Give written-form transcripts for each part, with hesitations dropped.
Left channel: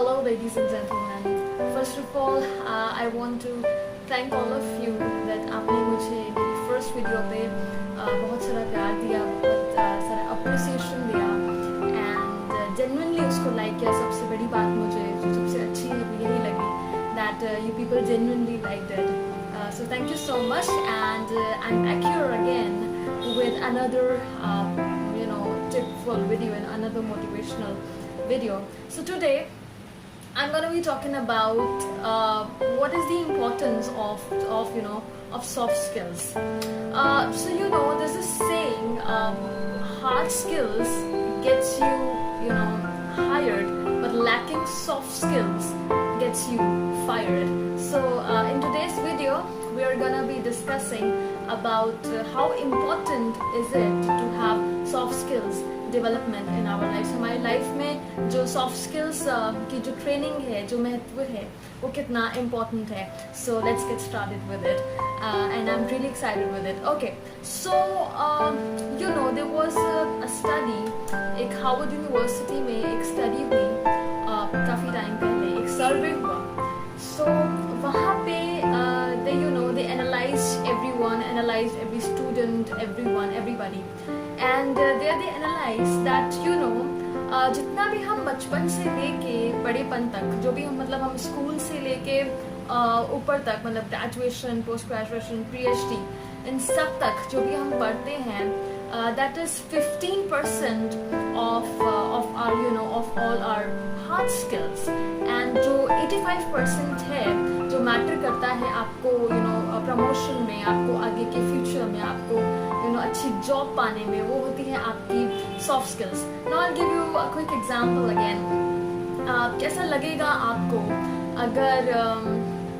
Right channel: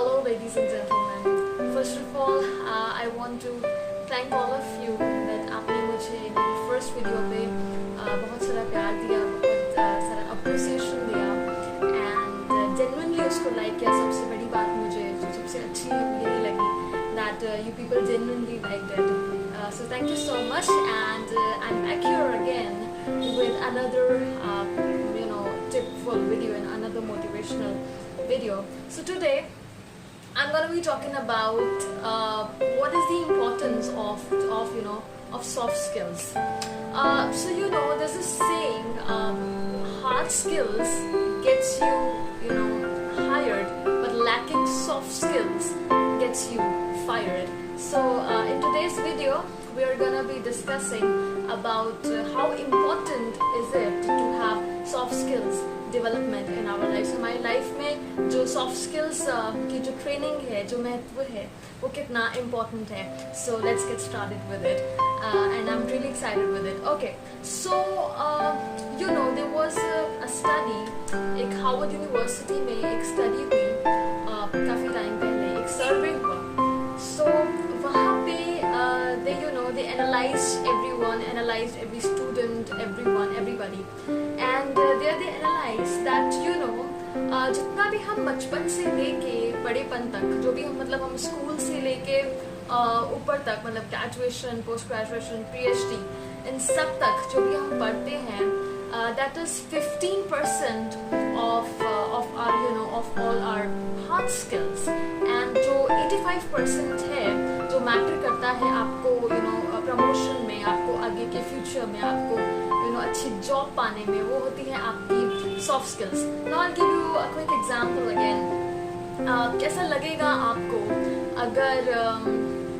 Hello, ladies and gentlemen. First of all, I want to thank all of you that आपने मुझे मेरी first video पे बहुत सारा प्यार दिया, बहुत सारा appreciation दिया and genuinely उसको like किया. सबसे बड़ी बात मुझे जो सबसे अच्छी यही लगी that you people genuinely liked it. So thank you so much, and I'm back here again with another tipful video and another motivational video. So today I'm going to be talking about what is the importance of soft skills. So there's this saying, hard skills gets you hired, but lacking soft skills gets you fired. So in today's video we are going to be discussing about how important is it to have soft skills development in our lives. हमारी life में जो soft skills की जो training है, जो महत्व है, वो कितना important है. So let's get started with it, and I'm really excited with it. Okay, so there was a study, एक Harvard University में एक study हुई काफी टाइम पहले, एक survey हुआ. So वहाँ पे they analyzed every student, everybody. And there they analyze that जितना भी हम बचपन से लेके बड़ेपन तक, जो भी हम हम स्कूल से लेके ऊपर तक, ग्रेजुएशन, पोस्ट ग्रेजुएशन, PhD, इन सब तक जो भी हम पढ़ते हैं, that is 15% of all our hard skills, and जो 85% है जो मैटर करता है आपको प्रमोशन में, आपको आगे के फ्यूचर में, आपको अच्छी जॉब पाने में, वो होती है आपकी soft skills. Now I give you a quick example again. कैसा लगेगा आपको अगर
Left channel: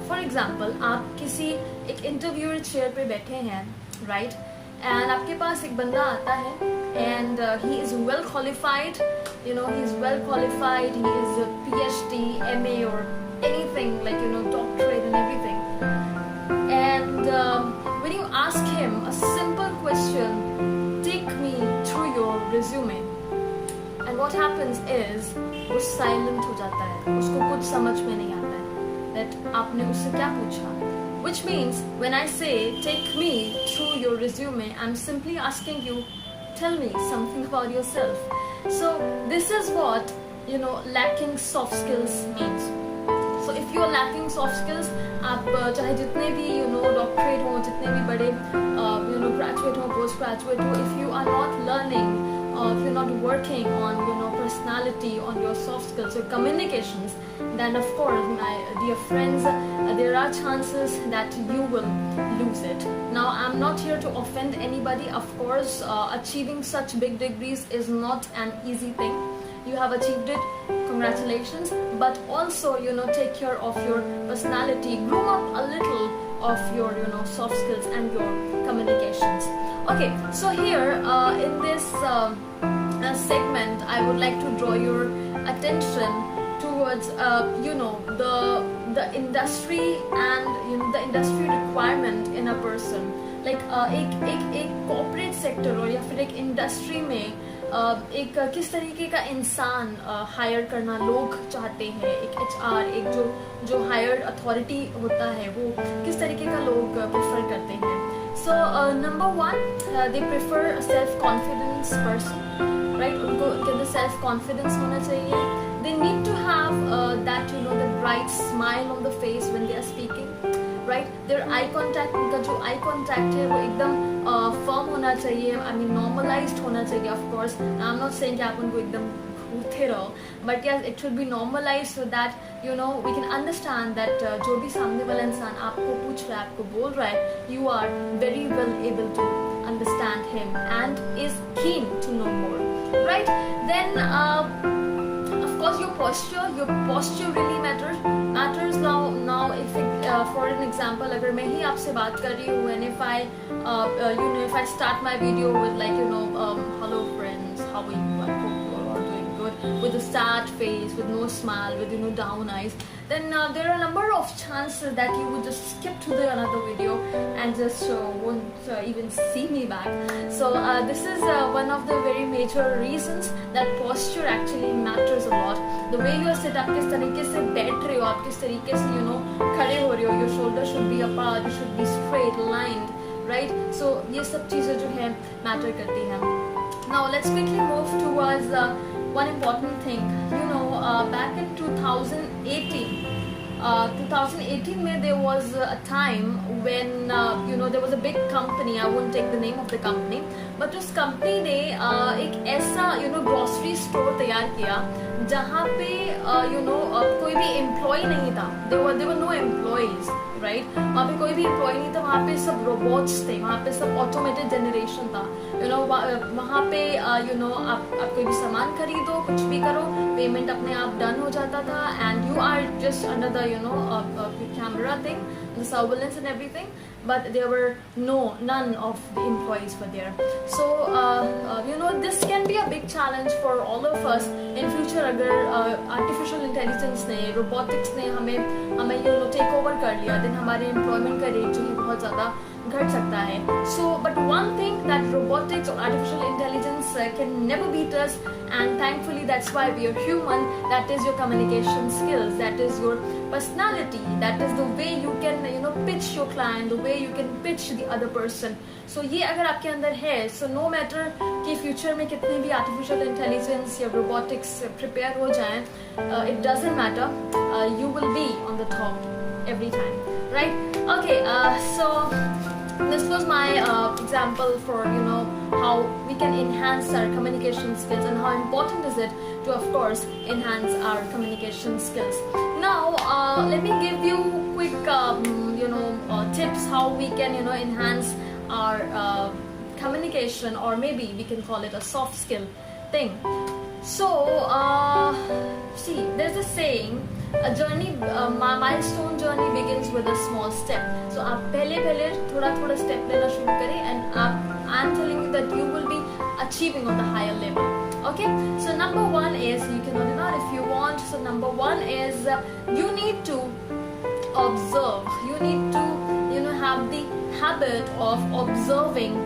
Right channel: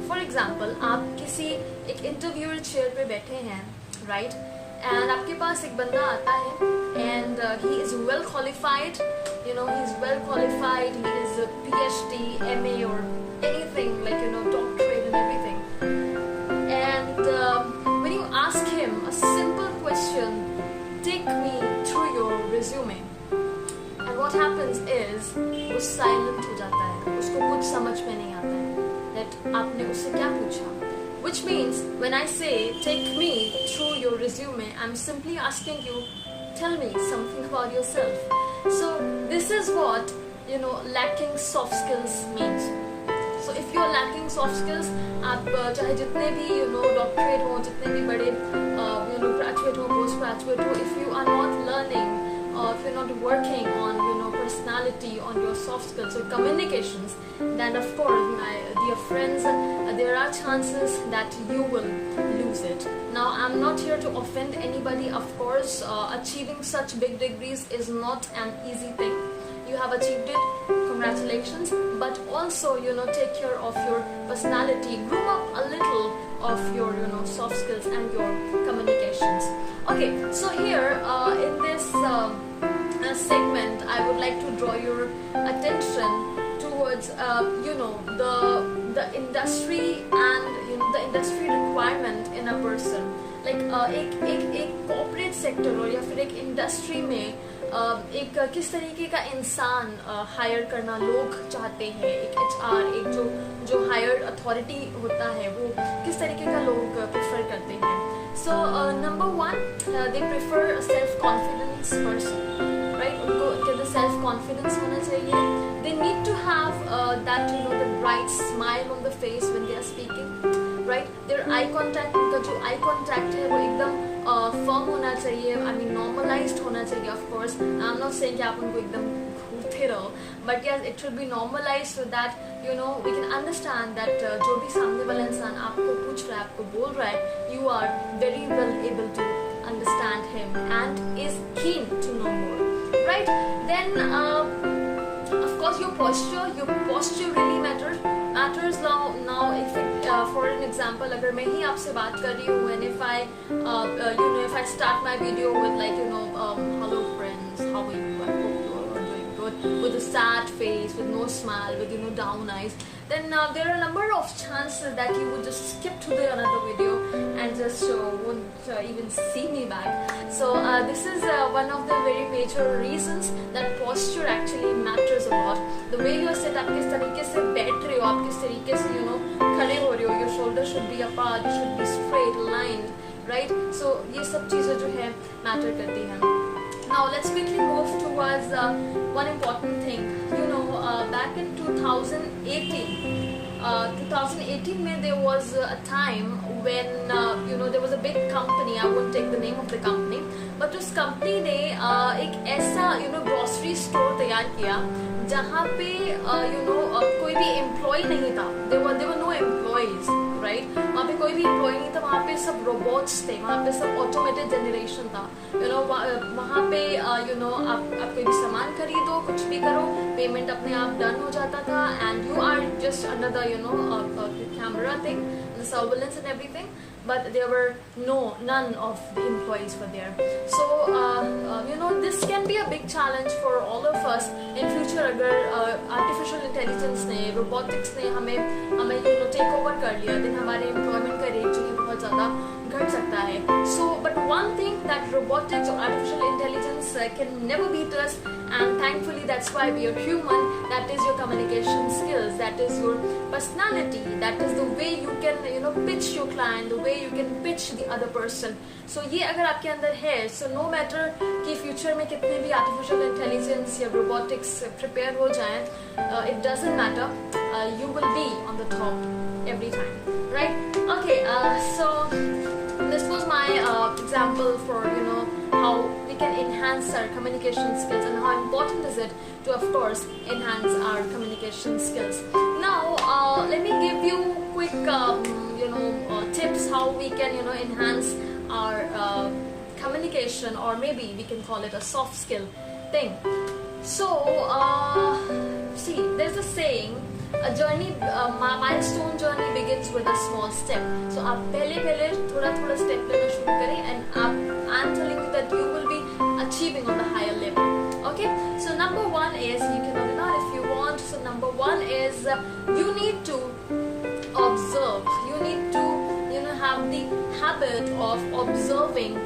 फॉर एग्जांपल आप किसी एक इंटरव्यू चेयर पे बैठे हैं, राइट, एंड आपके पास एक बंदा आता है and he is well qualified, he is well qualified, he is a PhD, MA or anything doctorate and everything, and when you ask him a simple question, take me through your resume, and what happens is वो silent हो जाता है, उसको कुछ समझ में नहीं आता है that आपने उससे क्या पूछा. Which means when I say take me through your resume, I'm simply asking you, tell me something about yourself. So this is what lacking soft skills means. So if you're lacking soft skills, आप चाहे जितने भी doctorate हो, जितने भी बड़े graduate हो, post graduate हो, if you are not learning, if you're not working on personality, on your soft skills, your communications, then of course, my dear friends, there are chances that you will lose it. Now I'm not here to offend anybody. Of course, achieving such big degrees is not an easy thing. You have achieved it, congratulations, but also take care of your personality, groom up a little of your soft skills and your communications. Okay, so here in this segment I would like to draw your attention towards the industry and the industry requirement in a person. Like एक corporate sector और या फिर एक industry में एक किस तरीके का इंसान हायर करना लोग चाहते हैं. एक HR, एक जो हायर्ड अथॉरिटी होता है, वो किस तरीके का लोग प्रेफर करते हैं. So number 1, they prefer self confidence person, right. उनके अंदर सेल्फ कॉन्फिडेंस होना चाहिए. They need to have that the bright smile on the face when they are speaking, right. There eye contact, उनका जो आई कॉन्टैक्ट है वो एकदम firm होना चाहिए, आई मीन नॉर्मलाइज्ड होना चाहिए. Of course I am not saying कि आप उनको एकदम घूरते रहो, but yes it should be normalized so that we can understand that जो भी सामने वाला इंसान आपको पूछ रहा है, आपको बोल रहा है, you are very well able to understand him and is keen to know more, right. Then of course your posture really matters. Now if for an example, अगर मैं ही आपसे बात कर रही हूँ, and if I start my video with hello friends, how are you, I hope you are all doing good, with a sad face, with no smile, with down eyes, then there are a number of chances that you would just skip to the another video and just won't even see me back. So this is one of the very major reasons that posture actually matters a lot. The way you are set up, किस तरीके से बैठ रहे हो आप, किस तरीके से खड़े हो रहे हो, your shoulders should be apart, you should be straight, lined, right? So ये सब चीजें जो है matter करती हैं. Now let's quickly move towards one important thing. Back in 2018 में there was a time when there was a big company. I won't take the name of the company, but उस company ने एक ऐसा grocery store तैयार किया जहाँ पे कोई भी employee नहीं था. There were no employees, right? वहाँ पे कोई भी employee नहीं था. वहाँ पे सब robots थे. वहाँ पे सब automated generation था. वहाँ पे आप कोई भी सामान खरीदो, कुछ भी करो, पेमेंट अपने आप डन हो जाता था, and you are just under the camera thing, the surveillance and everything, but there were none of the employees were there. So this can be a big challenge for all of us in future. अगर artificial intelligence ने, robotics ने हमें take over कर लिया, then हमारे employment का rate जो है बहुत ज़्यादा घट सकता है. So but one thing that robotics or artificial intelligence can never beat us, and thankfully that's why we are human. That is your communication skills, that is your personality, that is the way you can pitch your client, the way you can pitch the other person. So ये अगर आपके अंदर है, so no matter कि future में कितने भी artificial intelligence या robotics prepare हो जाएं, it doesn't matter, you will be on the top every time, right? Okay, so this was my example for how we can enhance our communication skills and how important is it to, of course, enhance our communication skills. Now let me give you quick tips how we can enhance our communication, or maybe we can call it a soft skill thing. So see, there's a saying, a journey, milestone journey begins with a small step. So आप पहले थोड़ा step लेना शुरू करें, and I'm telling you that you will be achieving on the higher level. Okay, so number one is, you can note it down if you want. So number one is you need to observe. You need to have the habit of observing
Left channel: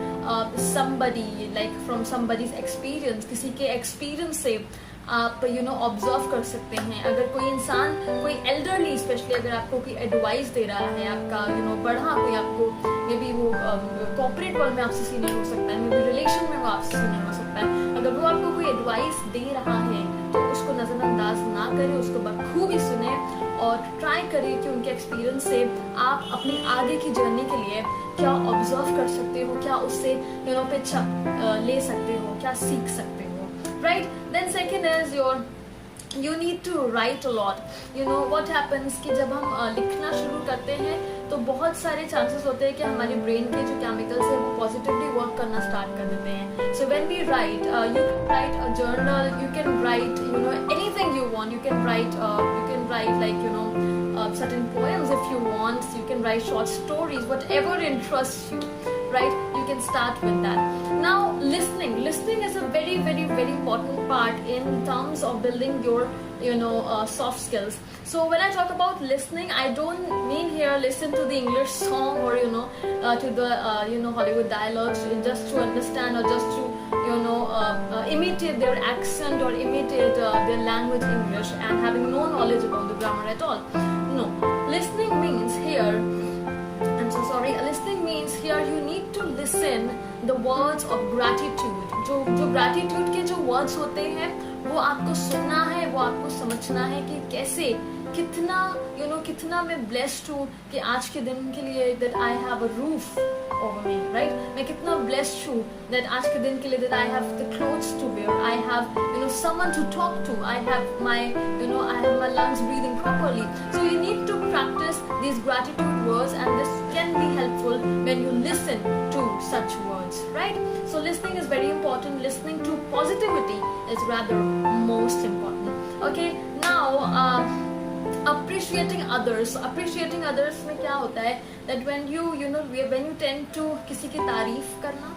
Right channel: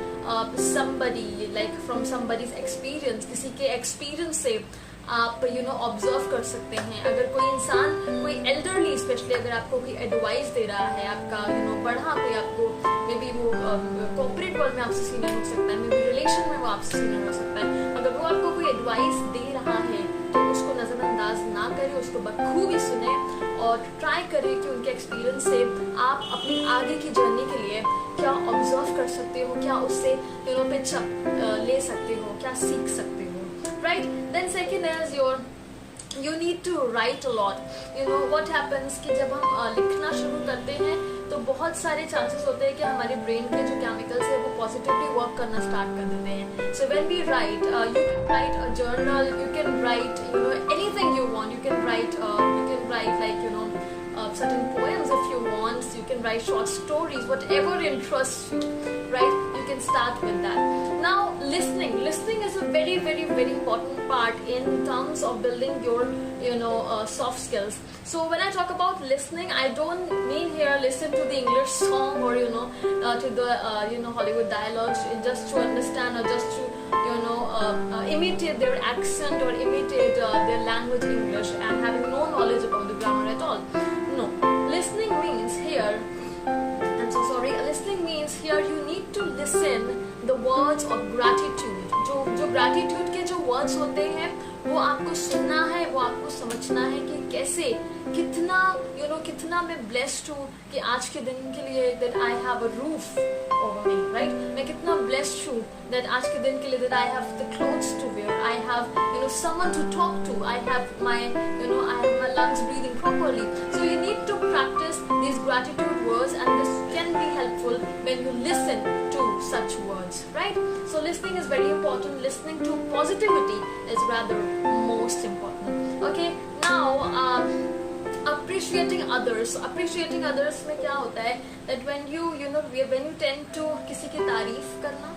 somebody, like from somebody's experience. किसी के experience से आप observe कर सकते हैं. अगर कोई इंसान, कोई एल्डरली स्पेशली, अगर आपको कोई एडवाइस दे रहा है, आपका बड़ा कोई, आपको मे बी वो कॉर्पोरेट वर्ल्ड में आपसे सीनियर हो सकता है, मे बी रिलेशन में वो आपसे सीनियर हो सकता है, अगर वो आपको कोई एडवाइस दे रहा है तो उसको नजरअंदाज ना करें, उसको बखूबी सुने और ट्राई करिए कि उनके एक्सपीरियंस से आप अपनी आगे की जर्नी के लिए क्या ऑब्जर्व कर सकते हो, क्या उससे पिच ले सकते हो, क्या सीख सकते हो. Right? Then second is you need to write a lot. What happens कि जब हम लिखना शुरू करते हैं तो बहुत सारे chances होते हैं कि हमारे brain के जो chemicals है वो positively work करना start कर देते हैं. So when we write, you can write a journal, you can write anything you want. You can write like certain poems if you want. You can write short stories, whatever interests you. Right? You can start with that. Now, listening is a very, very, very important part in terms of building your soft skills. So when I talk about listening, I don't mean here listen to the English song or to the Hollywood dialogues just to understand, or just to imitate their accent or imitate their language English and having no knowledge about the grammar at all. No, listening means here, listening means here you need to listen the words of gratitude. जो gratitude के जो words होते हैं वो आपको सुनना है, वो आपको समझना है कि कैसे, कितना मैं blessed हूँ कि आज के दिन के लिए that I have a roof over me, right? मैं कितना blessed हूँ that आज के दिन के लिए that I have the clothes to wear, I have someone to talk to, I have my lungs breathing properly. So you need to practice these gratitude words, and this can be helpful when you listen to such words, right? So listening is very important. Listening to positivity is rather most important. Okay, now appreciating others. Appreciating others में क्या होता है that when you tend to किसी की तारीफ करना,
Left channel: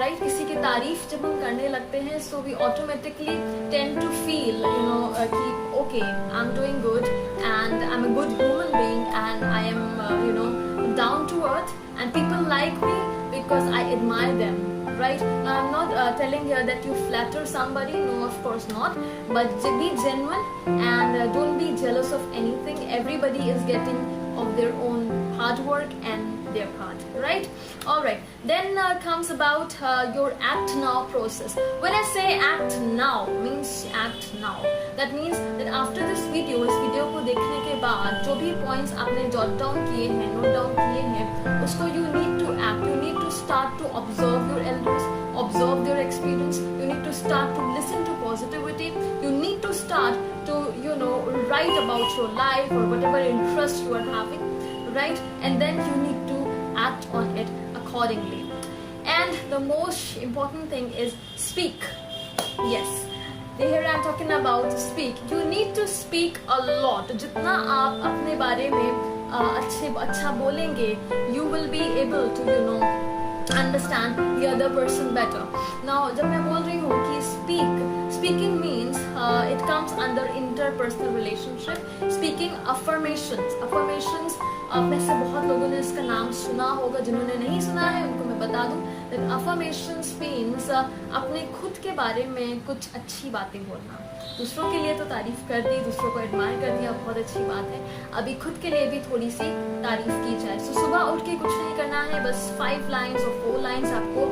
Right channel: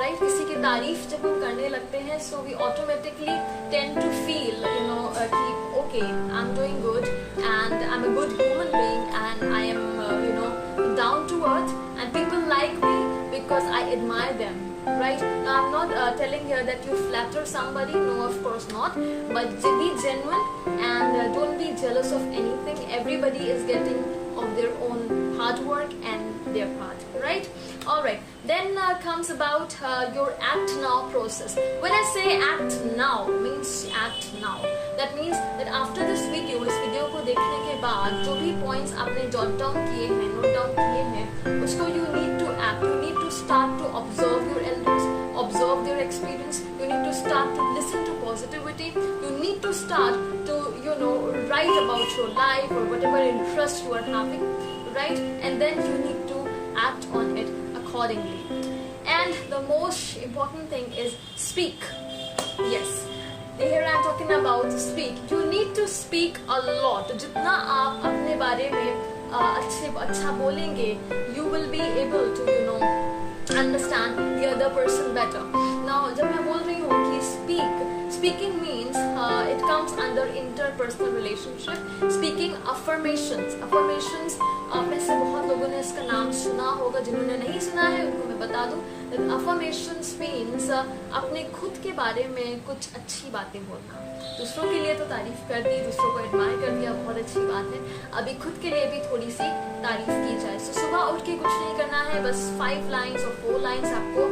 right किसी की तारीफ जब हम करने लगते हैं so we automatically tend to feel कि okay I am doing good and I am a good human being and I am down to earth and people like me because I admire them, right? Now I'm not telling here that you flatter somebody, no of course not, but be genuine and don't be jealous of anything. Everybody is getting of their own hard work and their part, right? All right, then comes about your act now process. When I say act now means act now, that means that after this video, इस video को देखने के बाद जो भी points आपने jot down किए हैं, नोट डाउन किए हैं, उसको you need to act. You need to start to observe your elders, observe their experience. You need to start to listen to positivity. You need to start to write about your life or whatever interest you are having, right? And then you need to act on it accordingly. And the most important thing is speak. Yes, here I am talking about speak. You need to speak a lot. जितना आप अपने बारे में अच्छा बोलेंगे, you will be able to understand the other person better. Now जब मैं बोल रही हूँ कि speaking means it comes under interpersonal relationship. Speaking affirmations आप में से बहुत लोगों ने इसका नाम सुना होगा, जिन्होंने नहीं सुना है उनको मैं बता दूं that affirmations means अपने खुद के बारे में कुछ अच्छी बातें बोलना. दूसरों के लिए तो तारीफ कर दी, दूसरों को एडमायर कर दिया, बहुत अच्छी बात है. अभी खुद के लिए भी थोड़ी सी तारीफ की जाए. So सुबह उठ के कुछ नहीं करना है, बस 5 lines और 4 lines आपको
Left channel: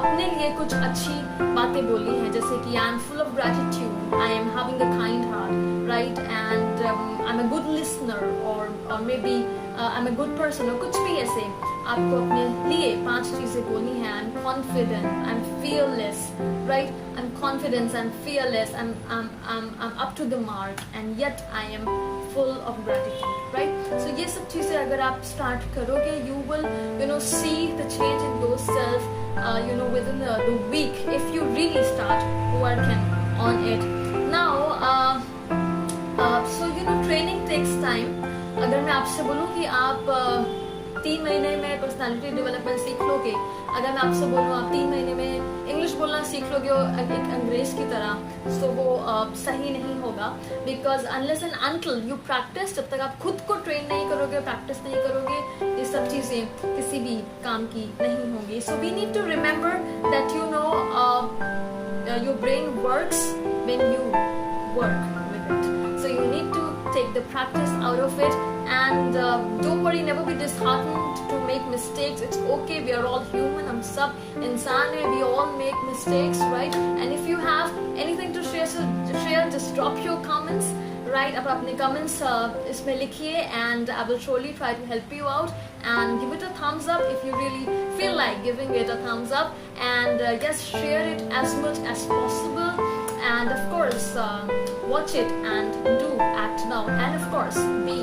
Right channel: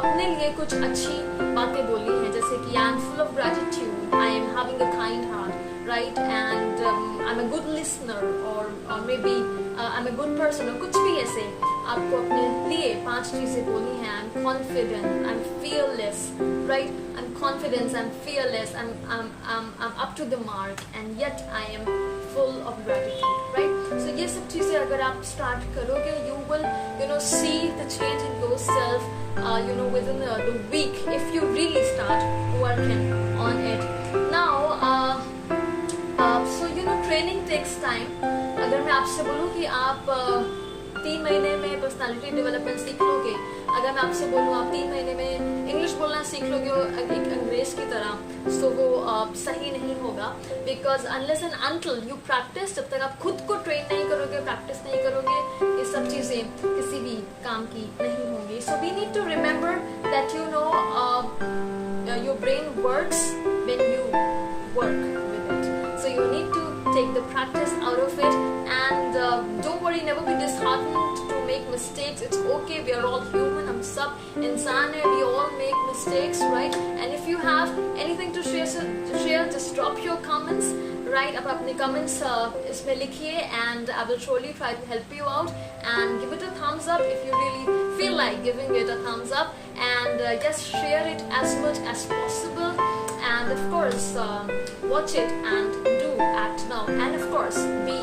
अपने लिए कुछ अच्छी बातें बोलनी है, जैसे कि I am full of gratitude, I am having a kind heart, right? And I'm a good listener or maybe I'm a good person, और कुछ भी ऐसे आपको अपने लिए 5 चीजें बोलनी है. I'm confident, I'm fearless, right? I'm confident, I'm fearless, I'm up to the mark, and yet I am full of gratitude, right? So ये सब चीजें अगर आप start करोगे, you will see the change in yourself within the week if you really start working on it. Now so training takes time. अगर मैं आपसे बोलूं कि आप 3 महीने में पर्सनालिटी डेवलपमेंट सीख लोगे, अगर मैं आपसे बोलूं आप 3 महीने में इंग्लिश बोलना सीख लोगे एक अंग्रेज की तरह, सो वो सही नहीं होगा. Because unless and until you practice, जब तक आप खुद को ट्रेन नहीं करोगे, प्रैक्टिस नहीं करोगे, ये सब चीजें किसी भी काम की नहीं होंगी. So we need to remember that your brain works when you work with it. So you need to take the practice out of it, and don't worry, never be disheartened to make mistakes. It's okay, we are all human, हम सब इंसान हैं, we all make mistakes, right? And if you have anything to share, just drop your comments, right? आप अपने comments इसमें लिखिए, and I will surely try to help you out, and give it a thumbs up if you really feel like giving it a thumbs up, and just share it as much as possible. And of course watch it and do act now, and of course be